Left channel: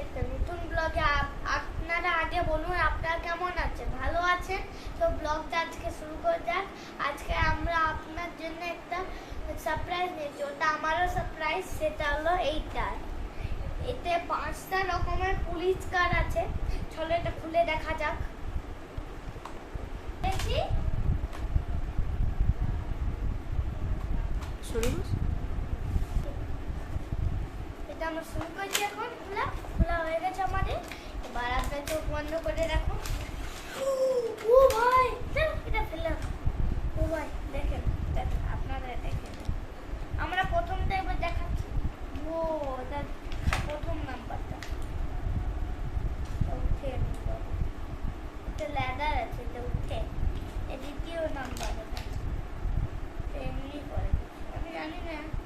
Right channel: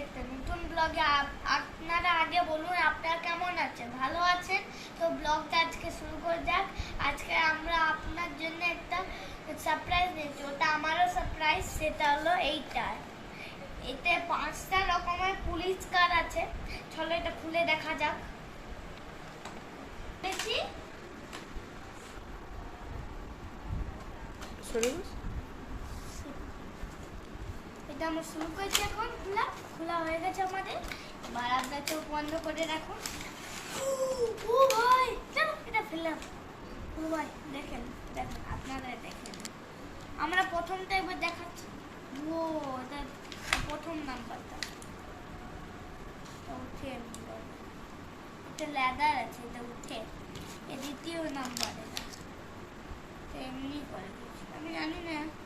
একটা নতুন ব্লগে আপনারা আগে বলুন আপনারা কেমন আছেন? ভালো আছেন? তো ব্লগটা আজকে শুরু করে যাক। আজকে আমরা আপনার জন্য একটা সারপ্রাইজ নিয়েছি ওটা আমারও সারপ্রাইজ সেটা হলো এইটা। এতে পাঁচটা রকমের পুলিশ কার আছে। চলো এটা খুলে দেখা যাক। বস এটা আমরা শুরু করেছি এখন। খোলা খোলা হয়ে গেছে আমাদের। এবার আপনার চোখ বন্ধ করে রাখো। ও ভাই এটা ফেললাম? ও ভাই, দেখেন দেখেন আপনারা দেখেন। আমরা প্রথমটা এবার দেখাচ্ছি। ও এটা প্রথম নাম্বারটা। উঠে। এটা লেদার আছে, এটা উঠে। এ দ্বিতীয় নাম্বার, এটা। এমনি করে আমি জানি না।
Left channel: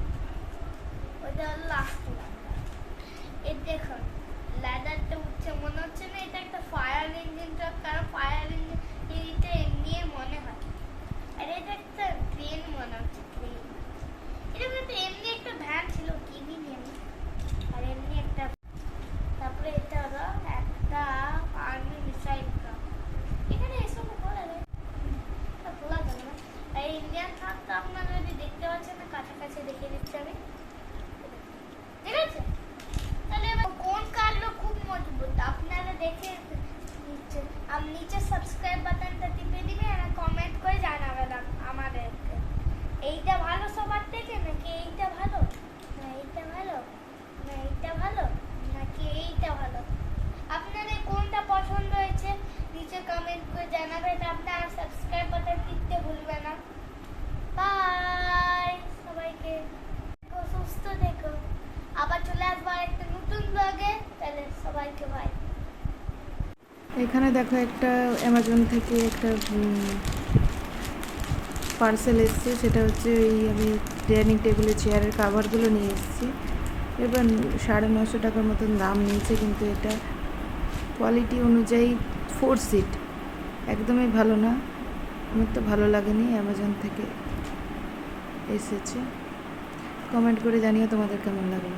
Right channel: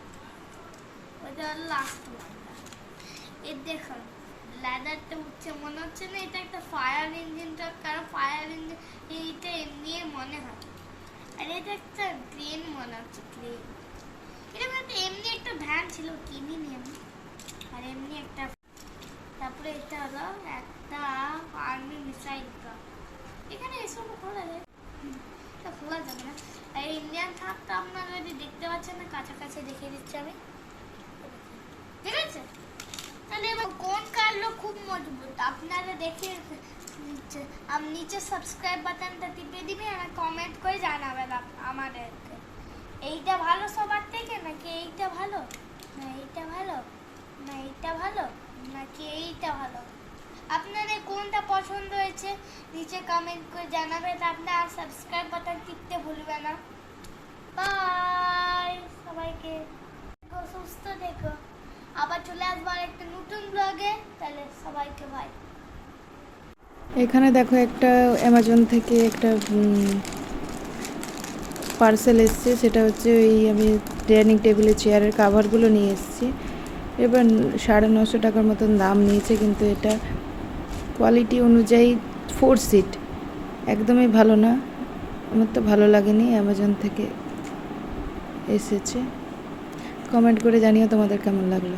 ওটা লাস্ট নাম্বার এই দেখুন ল্যাডারটা উঠছে, মনে হচ্ছে না এটা একটা ফায়ার ইঞ্জিনটা কারণ ফায়ার ইঞ্জিন এমনি মনে হয়। আর এটা একটা প্লেন মনে হচ্ছে এটা কিন্তু এমনি একটা ভ্যান ছিল কিনিনি আমি। আর এমনি একটা তারপরে এটা হলো একটা আর্মি মিসাইল এখানে এসব খোলা যায়। যাবে না। আর ইন্ডিয়ান থাক তো আপনারা যদি দেখতে পাচ্ছেন না, কাছাকাছি দেখিয়ে দিচ্ছি আমি ঠিক আছে তাহলে এবার কোন কারলো খুব মজবুত আপনারা দেখে নিচে, আম, নিচে সাবস্ক্রাইব বাটনটা টিপে দিবেন আর কমেন্ট করে জানাবেন আমাদেরকে। এইটা ভালো সবার থেকে নাকি এইটা ভালো? না, এইটা ভালো। না, এইটা ভালো? নাকি এইটা ভালো? আপনাদের কোনটা পছন্দ হয়েছে? নিচে কমেন্ট করে জানাবেন আপনার সাবস্ক্রাইব বাটন টিপতে ভুলবেন না। বাই সবাইকে সুস্থ দেখো আবার চলে আসব একটা নতুন ব্লগে তাহলে সবাইকে ভাই এখানে দেখো একটা অ্যামাজন থেকে একটা পার্সেল এসছে। সেটা হচ্ছে ওই আমি ডাইনিং টেবিলের চেয়ারের কাভারগুলো নিয়ে এসেছি। এবার সাড়ে নশো টাকার মতন দাম নিয়েছে কিন্তু এটা কোয়ালিটি অনুযায়ী ফোর সিট একদমই ভালো না। আমার তো ভালো লাগেনি অ্যামাজন থেকে এসেছে। কমেন্ট করে জানিও তোমাদের কেমন লাগল।